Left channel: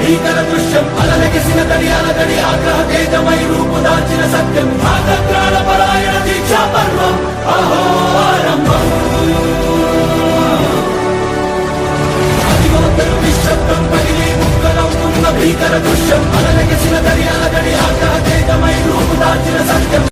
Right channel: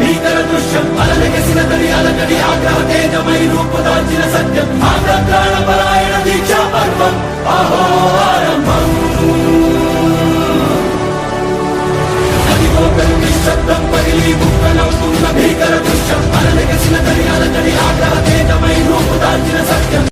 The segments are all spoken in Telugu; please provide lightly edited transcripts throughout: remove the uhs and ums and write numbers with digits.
భీకర దృశ్యం అలలెగసిన దర్యాలకడి ఆగ్రహ తేజమై రూపుదాల్చిన సత్యం ఆగ్రహ పరాయణ దీక్షా పర్వం అహో ఆరంభం అదిగోతరు నిశ్శబ్దం పగిలి ముక్కలవుతున్న భీకర దృశ్యం అలలెగసిన దర్యాలకడి ఆగ్రహ తేజమై రూపుదాల్చిన సత్యం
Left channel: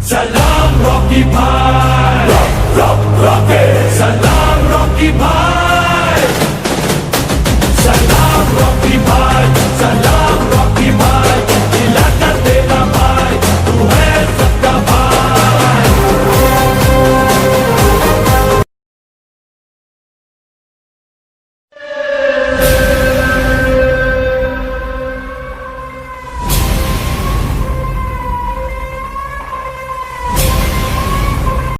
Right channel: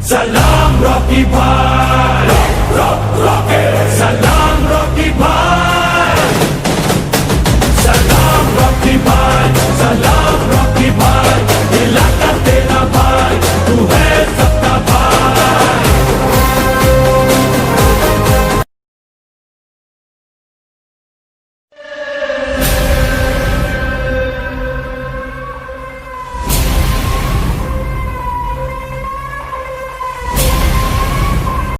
Salam Rocky Pie.